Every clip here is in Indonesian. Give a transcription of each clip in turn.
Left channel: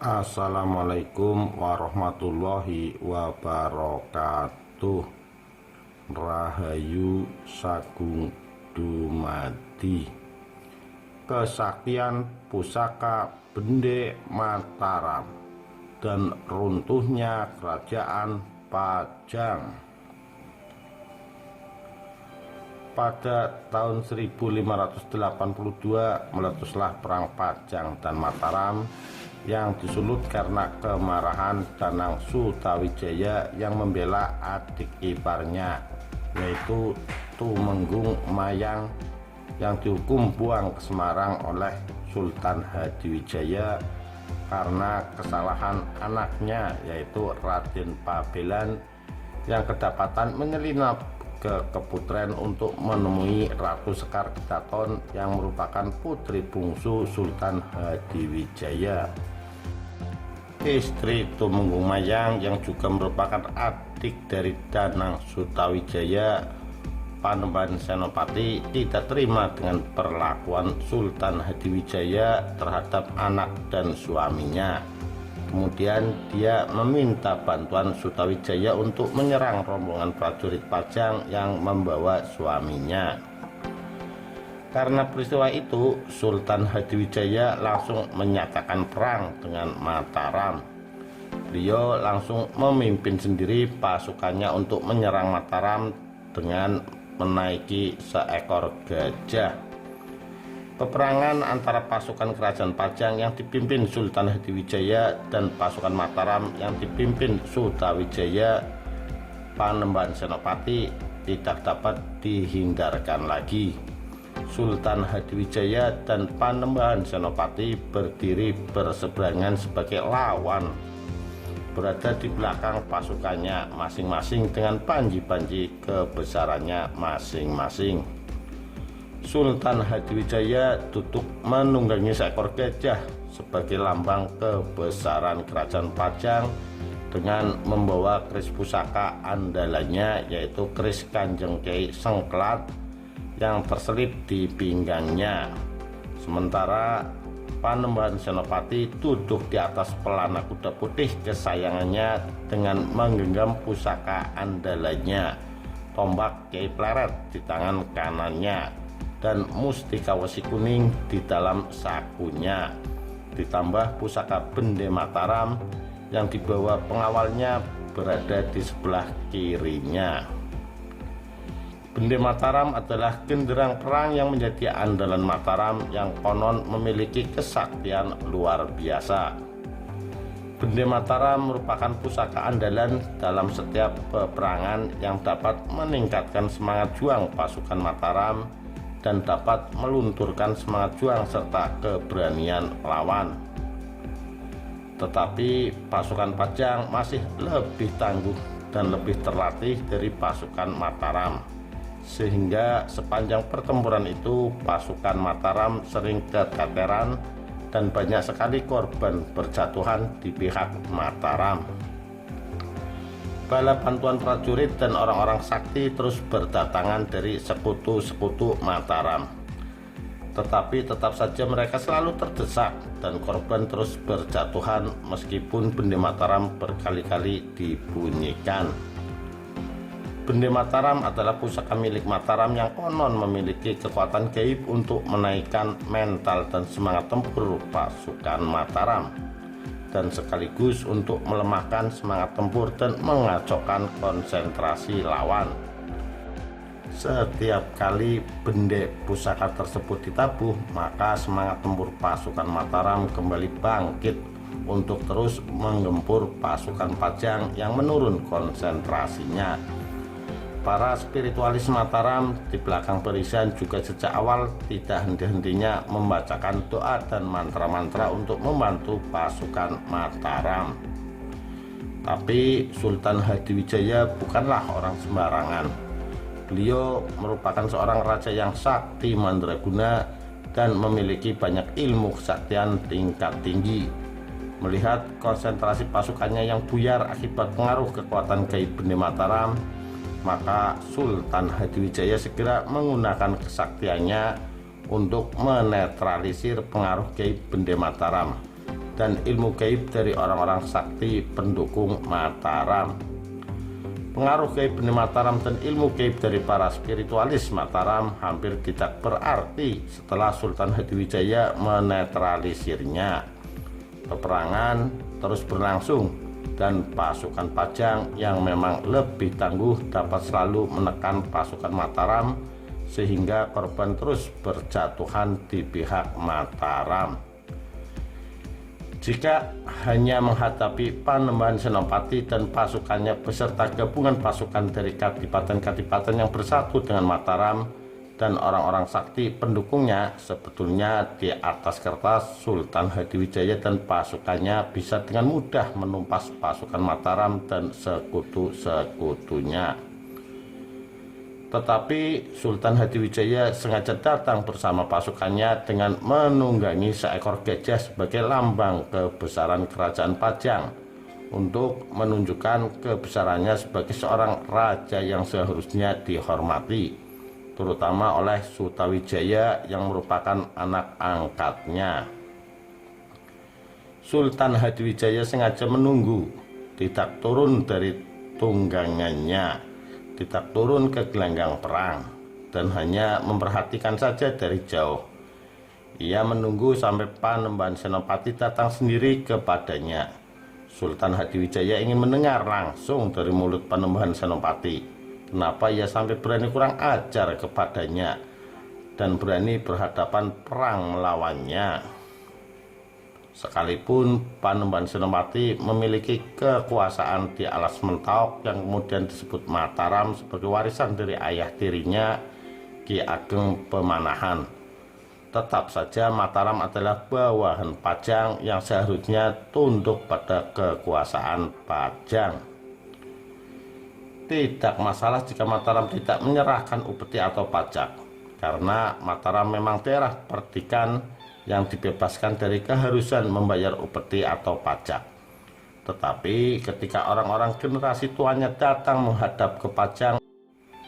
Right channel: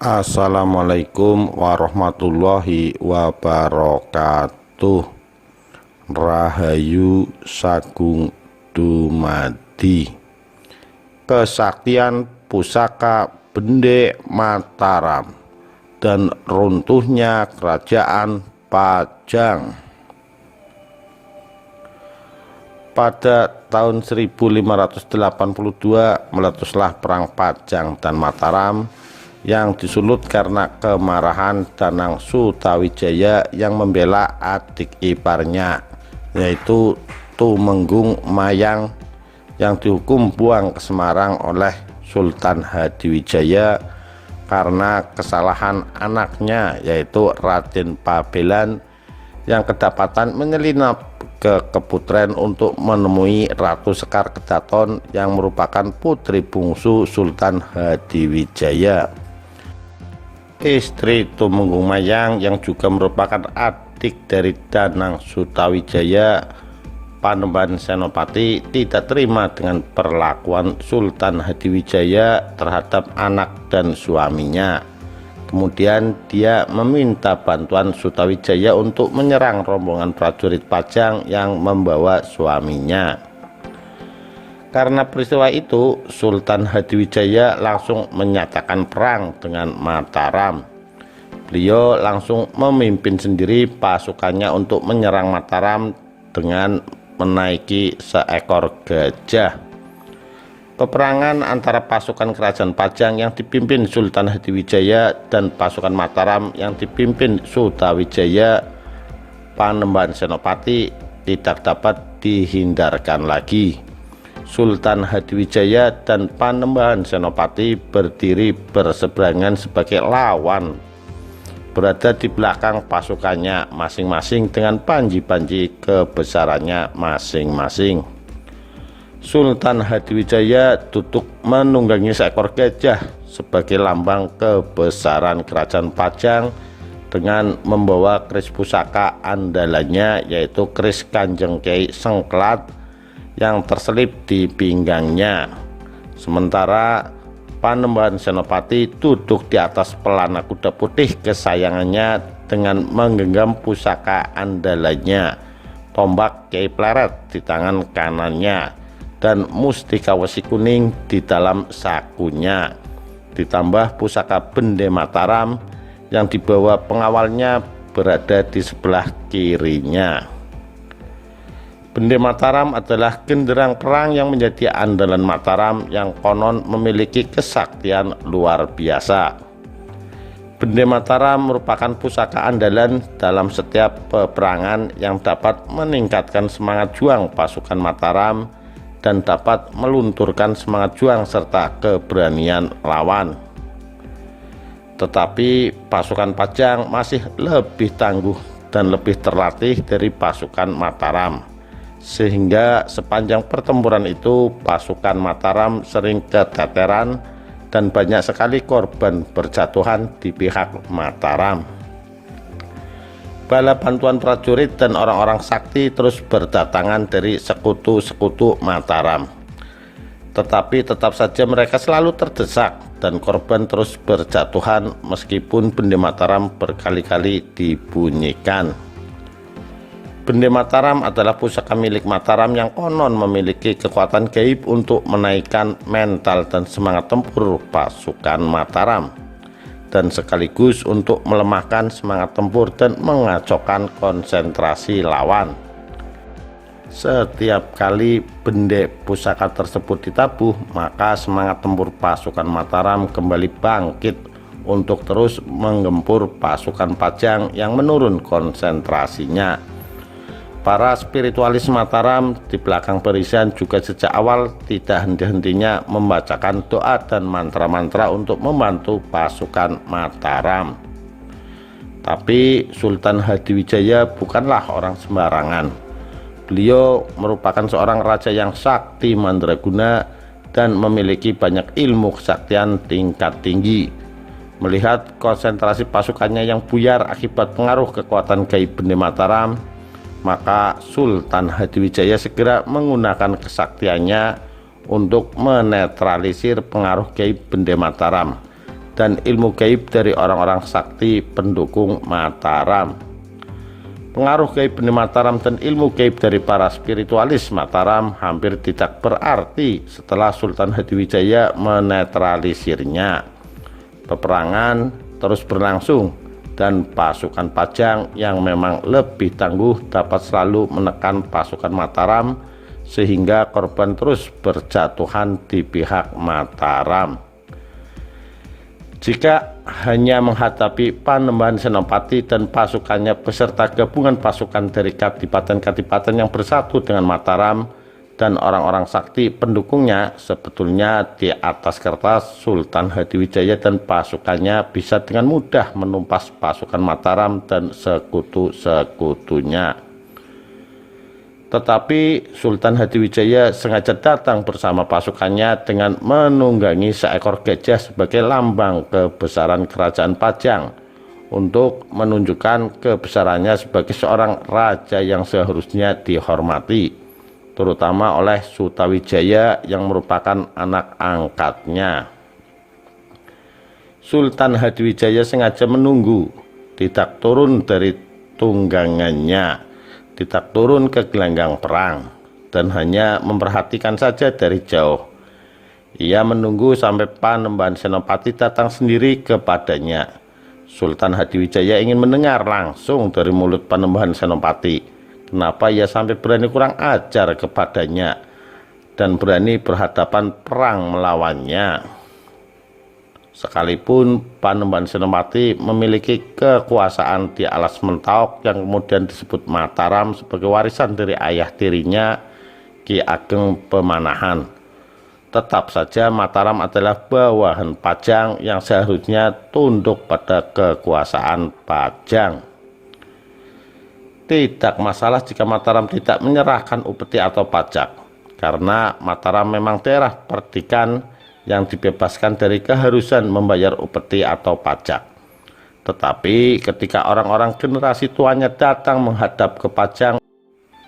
Assalamualaikum warahmatullahi wabarakatuh. Rahayu Sagung Dumadi. Kesaktian pusaka Bende Mataram dan runtuhnya kerajaan Pajang. Pada tahun 1582 meletuslah perang Pajang dan Mataram yang disulut karena kemarahan Danang Sutawijaya yang membela adik iparnya, yaitu Tumenggung Mayang, yang dihukum buang ke Semarang oleh Sultan Hadiwijaya karena kesalahan anaknya, yaitu Raden Pabelan, yang kedapatan menyelinap ke Keputren untuk menemui Ratu Sekar Kedaton yang merupakan putri bungsu Sultan Hadiwijaya. Istri Tumenggung Mayang yang juga merupakan adik dari Danang Sutawijaya, Panembahan Senopati, tidak terima dengan perlakuan Sultan Hadiwijaya terhadap anak dan suaminya. Kemudian dia meminta bantuan Sutawijaya untuk menyerang rombongan prajurit Pajang yang membawa suaminya. Karena peristiwa itu, Sultan Hadiwijaya langsung menyatakan perang dengan Mataram. Beliau langsung memimpin sendiri pasukannya untuk menyerang Mataram dengan menaiki seekor gajah. Peperangan antara pasukan kerajaan Pajang yang dipimpin Sultan Hadiwijaya dan pasukan Mataram yang dipimpin Sutawijaya, Panembahan Senopati, tidak dapat dihindarkan lagi. Sultan Hadiwijaya dan Panembahan Senopati berdiri berseberangan sebagai lawan, berada di belakang pasukannya masing-masing dengan panji-panji kebesarannya masing-masing. Sultan Hadiwijaya duduk menunggangi seekor gajah sebagai lambang kebesaran kerajaan Pajang dengan membawa keris pusaka andalannya, yaitu keris Kanjeng Kyai Sengklat yang terselip di pinggangnya. Sementara Panembahan Senopati duduk di atas pelana kuda putih kesayangannya dengan menggenggam pusaka andalannya, tombak Kyai Pleret di tangan kanannya dan mustika wesi kuning di dalam sakunya, ditambah pusaka Bende Mataram yang dibawa pengawalnya berada di sebelah kirinya. Bende Mataram adalah genderang perang yang menjadi andalan Mataram yang konon memiliki kesaktian luar biasa. Bende Mataram merupakan pusaka andalan dalam setiap peperangan yang dapat meningkatkan semangat juang pasukan Mataram dan dapat melunturkan semangat juang serta keberanian lawan. Tetapi pasukan Pajang masih lebih tangguh dan lebih terlatih dari pasukan Mataram, sehingga sepanjang pertempuran itu pasukan Mataram sering keteteran dan banyak sekali korban berjatuhan di pihak Mataram. Bala bantuan prajurit dan orang-orang sakti terus berdatangan dari sekutu-sekutu Mataram, tetapi tetap saja mereka selalu terdesak dan korban terus berjatuhan meskipun Bende Mataram berkali-kali dibunyikan. Bende Mataram adalah pusaka milik Mataram yang konon memiliki kekuatan gaib untuk menaikkan mental dan semangat tempur pasukan Mataram, dan sekaligus untuk melemahkan semangat tempur dan mengacaukan konsentrasi lawan. Setiap kali bende pusaka tersebut ditabuh, maka semangat tempur pasukan Mataram kembali bangkit untuk terus menggempur pasukan Pajang yang menurun konsentrasinya. Para spiritualis Mataram di belakang barisan juga sejak awal tidak henti-hentinya membacakan doa dan mantra-mantra untuk membantu pasukan Mataram. Tapi Sultan Hadiwijaya bukanlah orang sembarangan. Beliau merupakan seorang raja yang sakti mandraguna dan memiliki banyak ilmu kesaktian tingkat tinggi. Melihat konsentrasi pasukannya yang buyar akibat pengaruh kekuatan gaib Bende Mataram, maka Sultan Hadiwijaya segera menggunakan kesaktiannya untuk menetralisir pengaruh gaib Bende Mataram dan ilmu gaib dari orang-orang sakti pendukung Mataram. Pengaruh gaib di Mataram dan ilmu gaib dari para spiritualis Mataram hampir tidak berarti setelah Sultan Hadiwijaya menetralisirnya. Peperangan terus berlangsung dan pasukan Pajang yang memang lebih tangguh dapat selalu menekan pasukan Mataram sehingga korban terus berjatuhan di pihak Mataram. Jika hanya menghadapi Panembahan Senopati dan pasukannya beserta gabungan pasukan dari kadipaten-kadipaten yang bersatu dengan Mataram dan orang-orang sakti pendukungnya, sebetulnya di atas kertas Sultan Hadiwijaya dan pasukannya bisa dengan mudah menumpas pasukan Mataram dan sekutu-sekutunya. Tetapi Sultan Hadiwijaya sengaja datang bersama pasukannya dengan menunggangi seekor gajah sebagai lambang kebesaran kerajaan Pajang untuk menunjukkan kebesarannya sebagai seorang raja yang seharusnya dihormati, terutama oleh Sutawijaya yang merupakan anak angkatnya. Sultan Hadiwijaya sengaja menunggu, tidak turun dari tunggangannya, tidak turun ke gelanggang perang, dan hanya memperhatikan saja dari jauh. Ia menunggu sampai Panembahan Senopati datang sendiri kepadanya. Sultan Hadiwijaya ingin mendengar langsung dari mulut Panembahan Senopati kenapa ia sampai berani kurang ajar kepadanya dan berani berhadapan perang melawannya. Sekalipun Panembahan Senopati memiliki kekuasaan di alas Mentaok yang kemudian disebut Mataram sebagai warisan dari ayah tirinya Ki Ageng Pemanahan, tetap saja Mataram adalah bawahan Pajang yang seharusnya tunduk pada kekuasaan Pajang. Tidak masalah jika Mataram tidak menyerahkan upeti atau pajak, karena Mataram memang daerah perdikan yang dibebaskan dari keharusan membayar upeti atau pajak. Tetapi ketika orang-orang generasi tuanya datang menghadap ke Pajang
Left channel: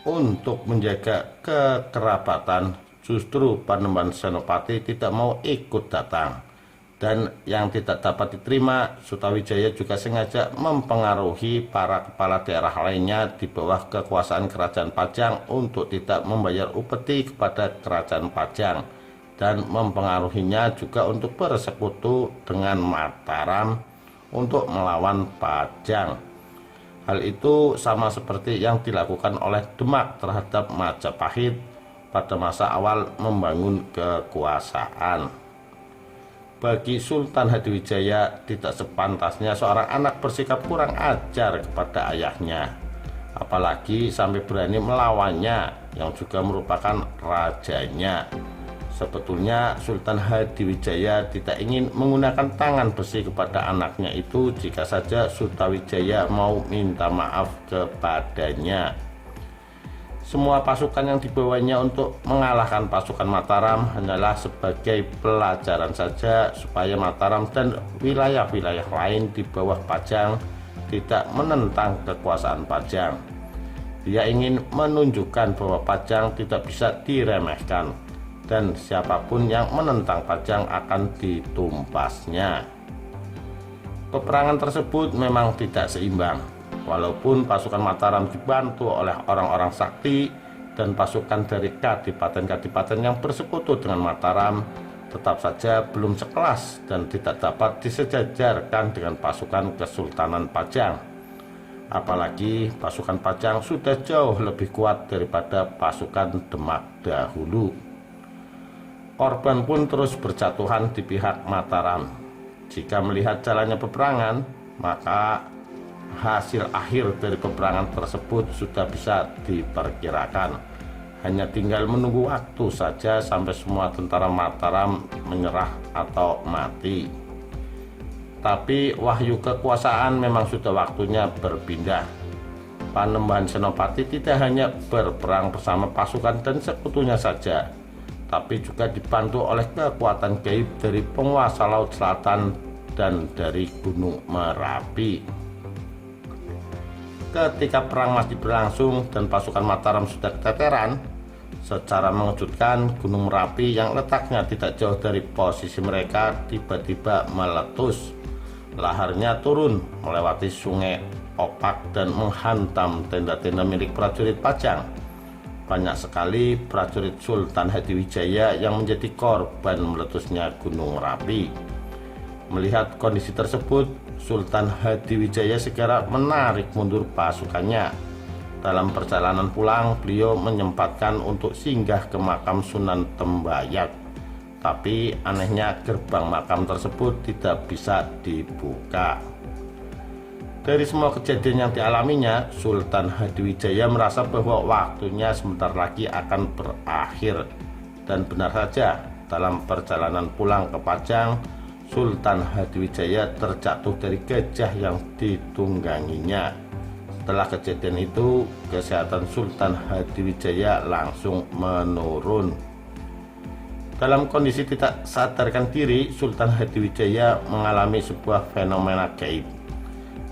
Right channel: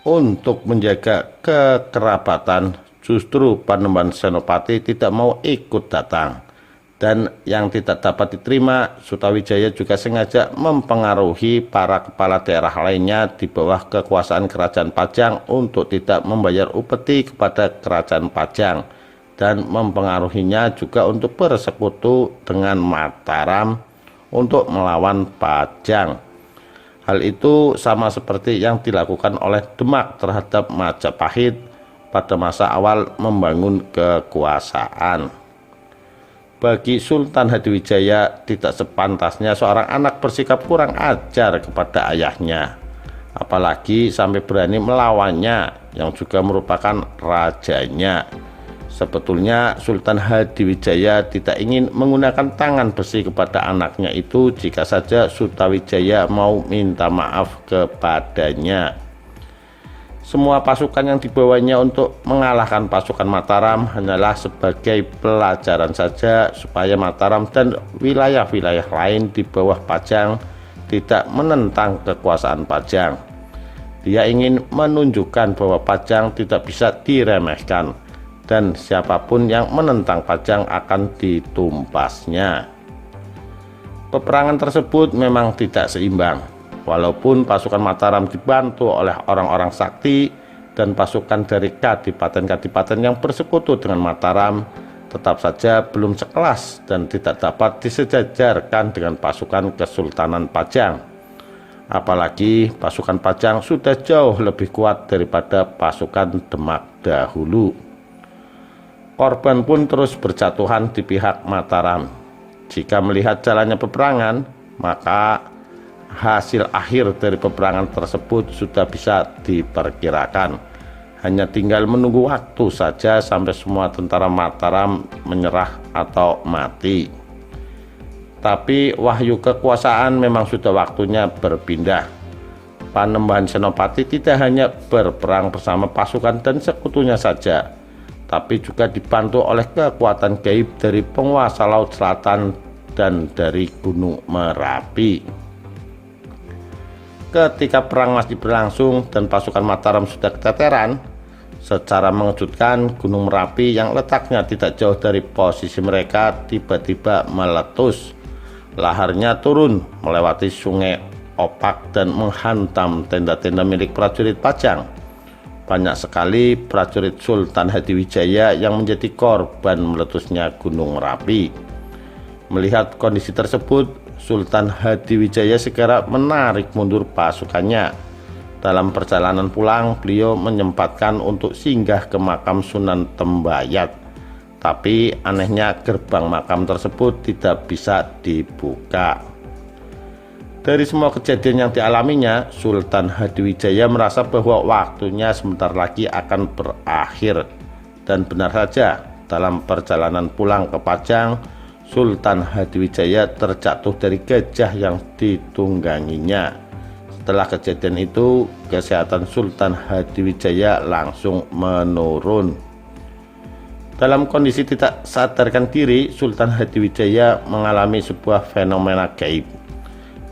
untuk menjaga kekerabatan, justru Panembahan Senopati tidak mau ikut datang. Dan yang tidak dapat diterima, Sutawijaya juga sengaja mempengaruhi para kepala daerah lainnya di bawah kekuasaan kerajaan Pajang untuk tidak membayar upeti kepada kerajaan Pajang, dan mempengaruhinya juga untuk bersekutu dengan Mataram untuk melawan Pajang. Hal itu sama seperti yang dilakukan oleh Demak terhadap Majapahit pada masa awal membangun kekuasaan. Bagi Sultan Hadiwijaya tidak sepantasnya seorang anak bersikap kurang ajar kepada ayahnya, apalagi sampai berani melawannya yang juga merupakan rajanya. Sebetulnya Sultan Hadiwijaya tidak ingin menggunakan tangan besi kepada anaknya itu jika saja Sutawijaya mau minta maaf kepadanya. Semua pasukan yang dibawanya untuk mengalahkan pasukan Mataram hanyalah sebagai pelajaran saja supaya Mataram dan wilayah-wilayah lain di bawah Pajang tidak menentang kekuasaan Pajang. Dia ingin menunjukkan bahwa Pajang tidak bisa diremehkan, dan siapapun yang menentang Pajang akan ditumpasnya. Peperangan tersebut memang tidak seimbang. Walaupun pasukan Mataram dibantu oleh orang-orang sakti dan pasukan dari kadipaten-kadipaten yang bersekutu dengan Mataram, tetap saja belum sekelas dan tidak dapat disejajarkan dengan pasukan Kesultanan Pajang. Apalagi pasukan Pajang sudah jauh lebih kuat daripada pasukan Demak dahulu. Korban pun terus berjatuhan di pihak Mataram. Jika melihat jalannya peperangan, maka hasil akhir dari peperangan tersebut sudah bisa diperkirakan. Hanya tinggal menunggu waktu saja sampai semua tentara Mataram menyerah atau mati. Tapi wahyu kekuasaan memang sudah waktunya berpindah. Panembahan Senopati tidak hanya berperang bersama pasukan dan sekutunya saja, tapi juga dibantu oleh kekuatan gaib dari penguasa Laut Selatan dan dari Gunung Merapi. Ketika perang masih berlangsung dan pasukan Mataram sudah keteteran, Secara mengejutkan, Gunung Merapi yang letaknya tidak jauh dari posisi mereka tiba-tiba meletus. Laharnya turun melewati sungai Opak dan menghantam tenda-tenda milik prajurit Pajang. Banyak sekali prajurit Sultan Hadiwijaya yang menjadi korban meletusnya Gunung Merapi. Melihat kondisi tersebut, Sultan Hadiwijaya segera menarik mundur pasukannya. Dalam perjalanan pulang, beliau menyempatkan untuk singgah ke makam Sunan Tembayat. Tapi anehnya gerbang makam tersebut tidak bisa dibuka. Dari semua kejadian yang dialaminya, Sultan Hadiwijaya merasa bahwa waktunya sebentar lagi akan berakhir. Dan benar saja, dalam perjalanan pulang ke Pajang, Sultan Hadiwijaya terjatuh dari gajah yang ditungganginya. Setelah kejadian itu, kesehatan Sultan Hadiwijaya langsung menurun. Dalam kondisi tidak sadarkan diri, Sultan Hadiwijaya mengalami sebuah fenomena gaib.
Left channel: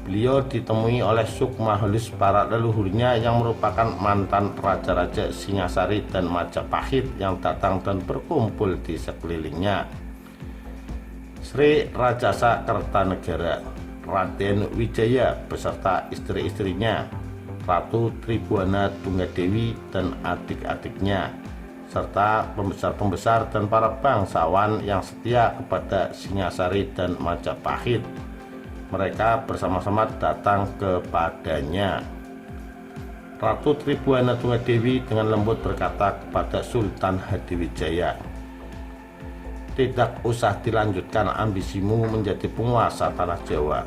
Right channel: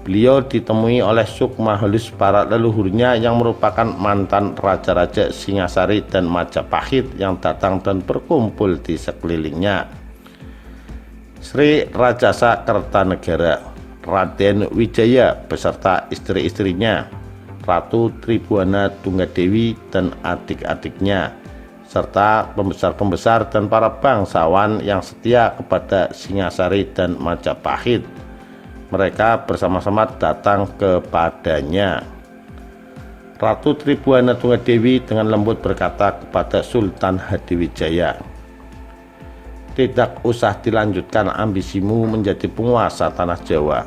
Beliau ditemui oleh sukma halus para leluhurnya yang merupakan mantan raja-raja Singasari dan Majapahit yang datang dan berkumpul di sekelilingnya. Sri Rajasa Kertanegara, Raden Wijaya beserta istri-istrinya, Ratu Tribuana Tunggadewi dan adik-adiknya, serta pembesar-pembesar dan para bangsawan yang setia kepada Singasari dan Majapahit. Mereka bersama-sama datang kepadanya. Ratu Tribuana Tunggadewi dengan lembut berkata kepada Sultan Hadiwijaya, "Tidak usah dilanjutkan ambisimu menjadi penguasa tanah Jawa.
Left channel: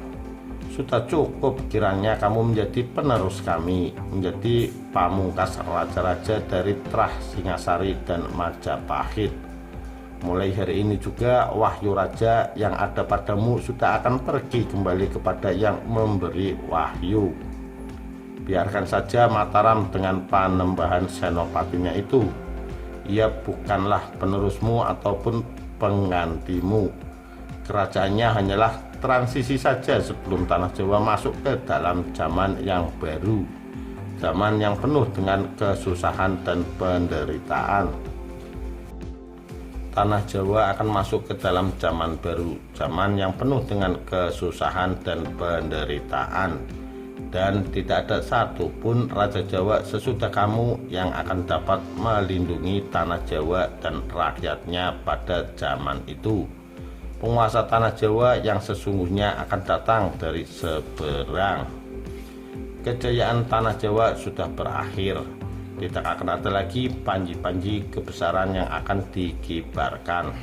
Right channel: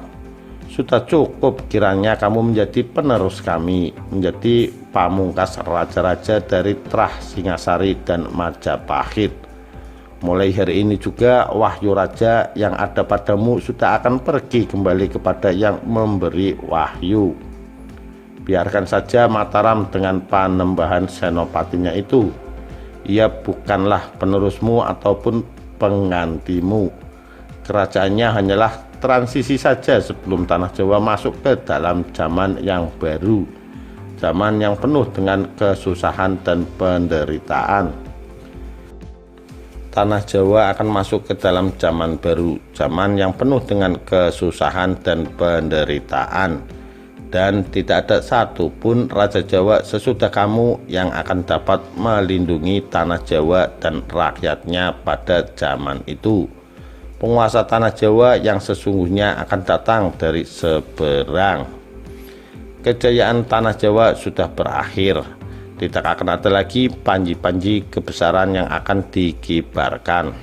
Sudah cukup kiranya kamu menjadi penerus kami, menjadi pamungkas raja-raja dari Trah, Singasari, dan Majapahit. Mulai hari ini juga wahyu raja yang ada padamu sudah akan pergi kembali kepada yang memberi wahyu. Biarkan saja Mataram dengan Panembahan Senopatinya itu. Ia bukanlah penerusmu ataupun penggantimu. Kerajaannya hanyalah transisi saja sebelum tanah Jawa masuk ke dalam zaman yang baru, zaman yang penuh dengan kesusahan dan penderitaan. Tanah Jawa akan masuk ke dalam zaman baru, zaman yang penuh dengan kesusahan dan penderitaan, dan tidak ada satupun Raja Jawa sesudah kamu yang akan dapat melindungi tanah Jawa dan rakyatnya pada zaman itu. Penguasa tanah Jawa yang sesungguhnya akan datang dari seberang. Kejayaan tanah Jawa sudah berakhir. Tidak akan ada lagi panji-panji kebesaran yang akan dikibarkan,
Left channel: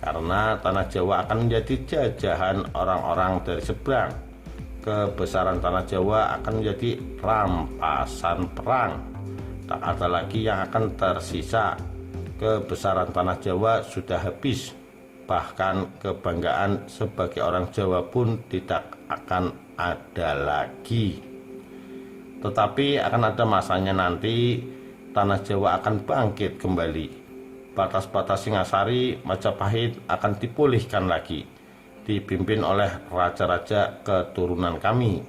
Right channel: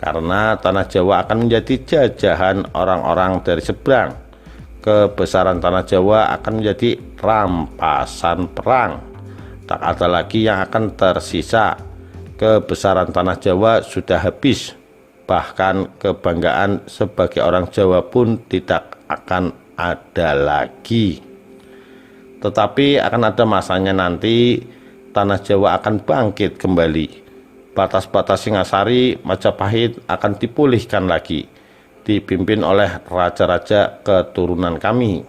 karena tanah Jawa akan menjadi jajahan orang-orang dari seberang. Kebesaran tanah Jawa akan menjadi rampasan perang. Tak ada lagi yang akan tersisa. Kebesaran tanah Jawa sudah habis. Bahkan kebanggaan sebagai orang Jawa pun tidak akan ada lagi. Tetapi akan ada masanya nanti tanah Jawa akan bangkit kembali. Batas-batas Singasari, Majapahit akan dipulihkan lagi, dipimpin oleh raja-raja keturunan kami.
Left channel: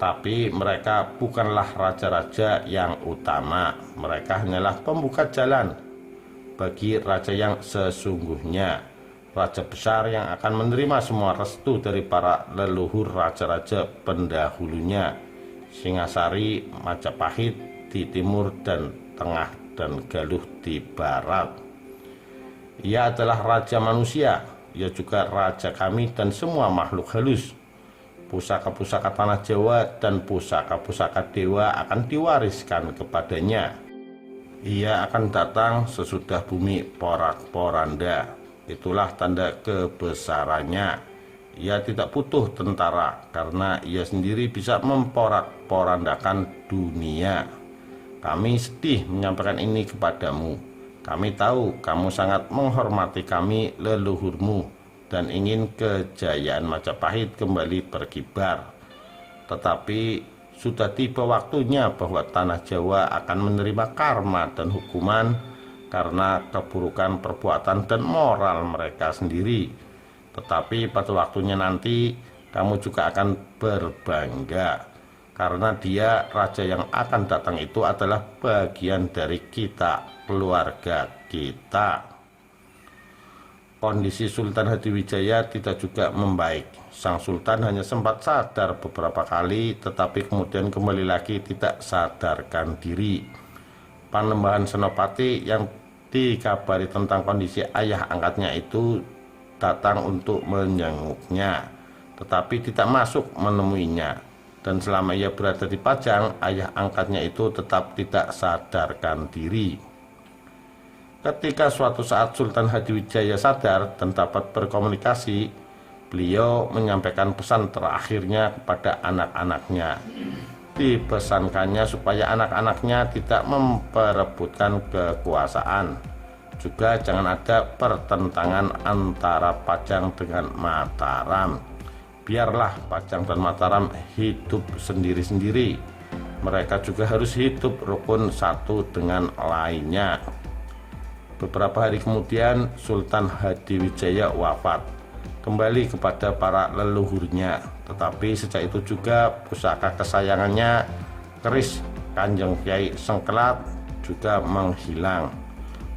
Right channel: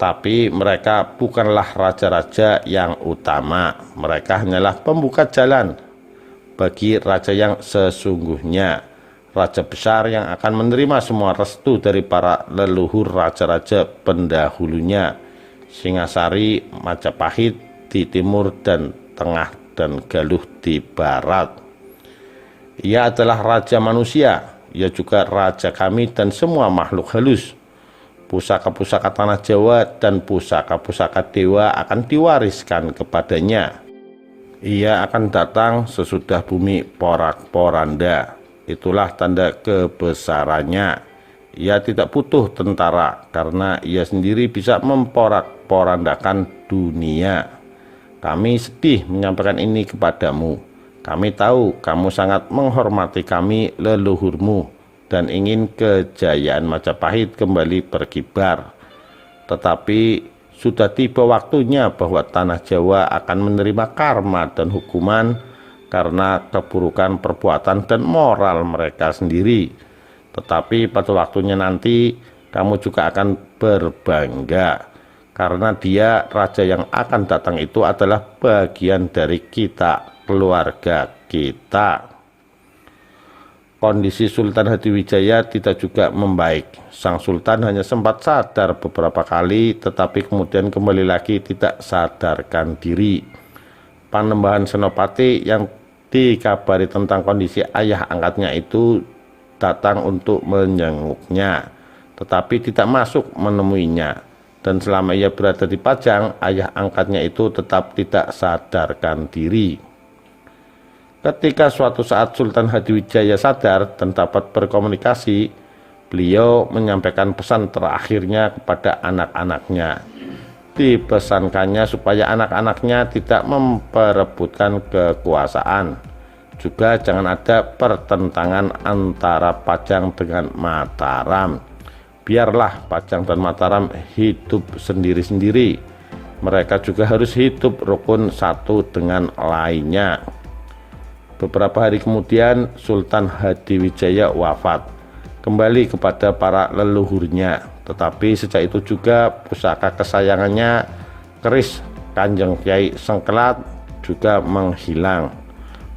Tapi mereka bukanlah raja-raja yang utama. Mereka hanyalah pembuka jalan bagi raja yang sesungguhnya, raja besar yang akan menerima semua restu dari para leluhur raja-raja pendahulunya, Singasari, Majapahit di timur dan tengah, dan Galuh di barat. Ia adalah raja manusia, ia juga raja kami dan semua makhluk halus. Pusaka-pusaka tanah Jawa dan pusaka-pusaka dewa akan diwariskan kepadanya. Ia akan datang sesudah bumi porak-poranda. Itulah tanda kebesarannya. Ia tidak butuh tentara karena ia sendiri bisa memporak-porandakan dunia. Kami sedih menyampaikan ini kepadamu. Kami tahu kamu sangat menghormati kami leluhurmu dan ingin kejayaan Majapahit kembali berkibar. Tetapi sudah tiba waktunya bahwa tanah Jawa akan menerima karma dan hukuman karena keburukan perbuatan dan moral mereka sendiri. Tetapi pada waktunya nanti kamu juga akan berbangga karena dia raja yang akan datang itu adalah bagian dari kita, keluarga kita. Kondisi Sultan Hadiwijaya tidak juga membaik. Sang Sultan hanya sempat sadar beberapa kali, tetapi kemudian kembali lagi tidak sadarkan diri. Panembahan Senopati yang dikabari tentang kondisi ayah angkatnya itu datang untuk menjenguknya, tetapi tidak masuk menemuinya. Dan selama ia berada di Pajang, ayah angkatnya itu tetap tidak sadarkan diri. Ketika suatu saat Sultan Hadiwijaya sadar dan dapat berkomunikasi, beliau menyampaikan pesan terakhirnya kepada anak-anaknya. Dipesankannya supaya anak-anaknya tidak memperebutkan kekuasaan. Juga jangan ada pertentangan antara Pajang dengan Mataram. Biarlah Pajang dan Mataram hidup sendiri-sendiri. Mereka juga harus hidup rukun satu dengan lainnya. Beberapa hari kemudian Sultan Hadiwijaya wafat, kembali kepada para leluhurnya. Tetapi sejak itu juga pusaka kesayangannya, keris Kanjeng Kyai Sengkelat, juga menghilang,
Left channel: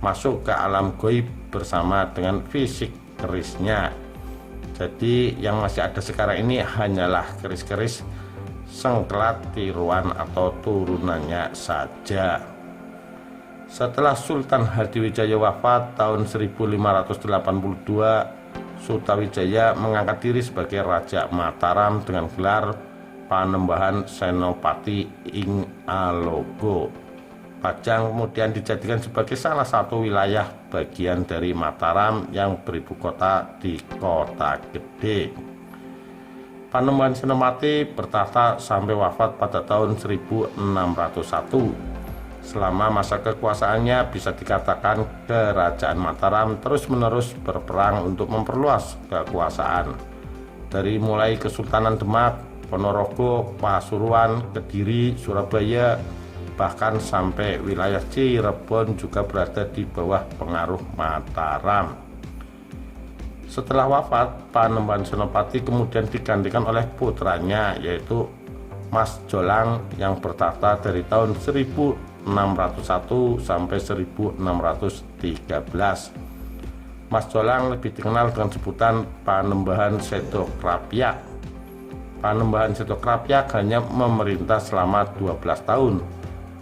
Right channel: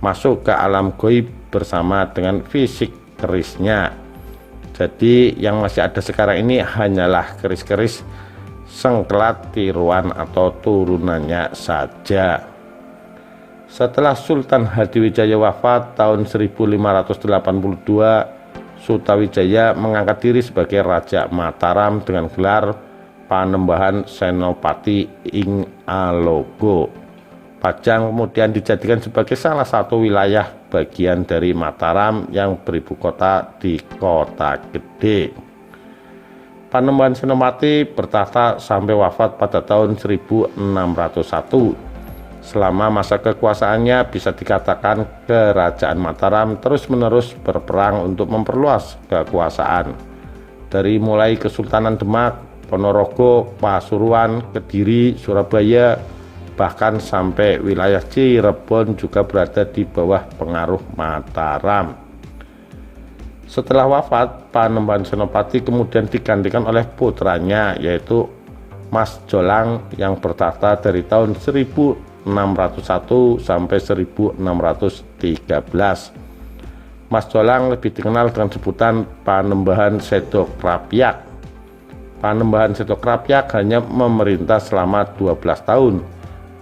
masuk ke alam goib bersama dengan fisik kerisnya. Jadi yang masih ada sekarang ini hanyalah keris-keris Sengkelat tiruan atau turunannya saja. Setelah Sultan Hadiwijaya wafat tahun 1582, Sutawijaya mengangkat diri sebagai Raja Mataram dengan gelar Panembahan Senopati ing Alogo. Pajang kemudian dijadikan sebagai salah satu wilayah bagian dari Mataram yang beribu kota di Kota Gede. Panembahan Senopati bertahta sampai wafat pada tahun 1601. Selama masa kekuasaannya bisa dikatakan Kerajaan Mataram terus-menerus berperang untuk memperluas kekuasaan. Dari mulai Kesultanan Demak, Ponorogo, Pasuruan, Kediri, Surabaya, bahkan sampai wilayah Cirebon juga berada di bawah pengaruh Mataram. Setelah wafat, Panembahan Senopati kemudian digantikan oleh putranya, yaitu Mas Jolang yang bertahta dari tahun 1601 sampai 1613. Mas Jolang lebih dikenal dengan sebutan Panembahan Sedokrapyak. Panembahan Sedokrapyak hanya memerintah selama 12 tahun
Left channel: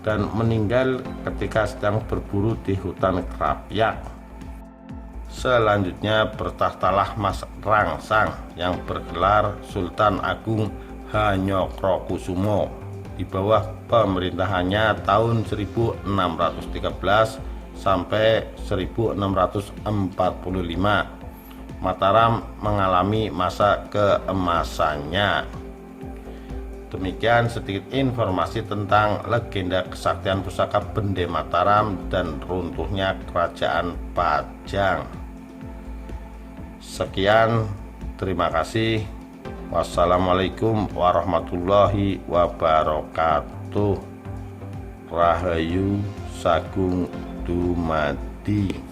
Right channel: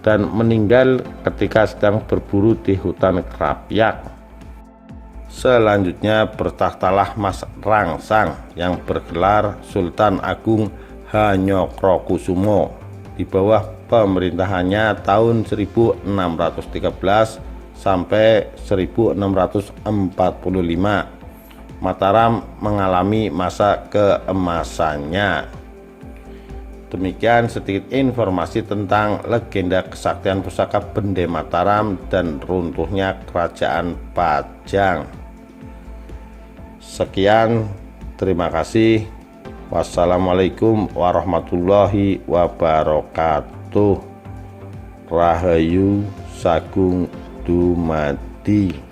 dan meninggal ketika sedang berburu di hutan Krapyak. Selanjutnya bertahtalah Mas Rangsang yang bergelar Sultan Agung Hanyokrokusumo. Di bawah pemerintahannya tahun 1613 sampai 1645, Mataram mengalami masa keemasannya. Demikian sedikit informasi tentang legenda kesaktian pusaka Bende Mataram dan runtuhnya Kerajaan Pajang. Sekian, terima kasih. Wassalamualaikum warahmatullahi wabarakatuh. Rahayu Sagung Dumadi.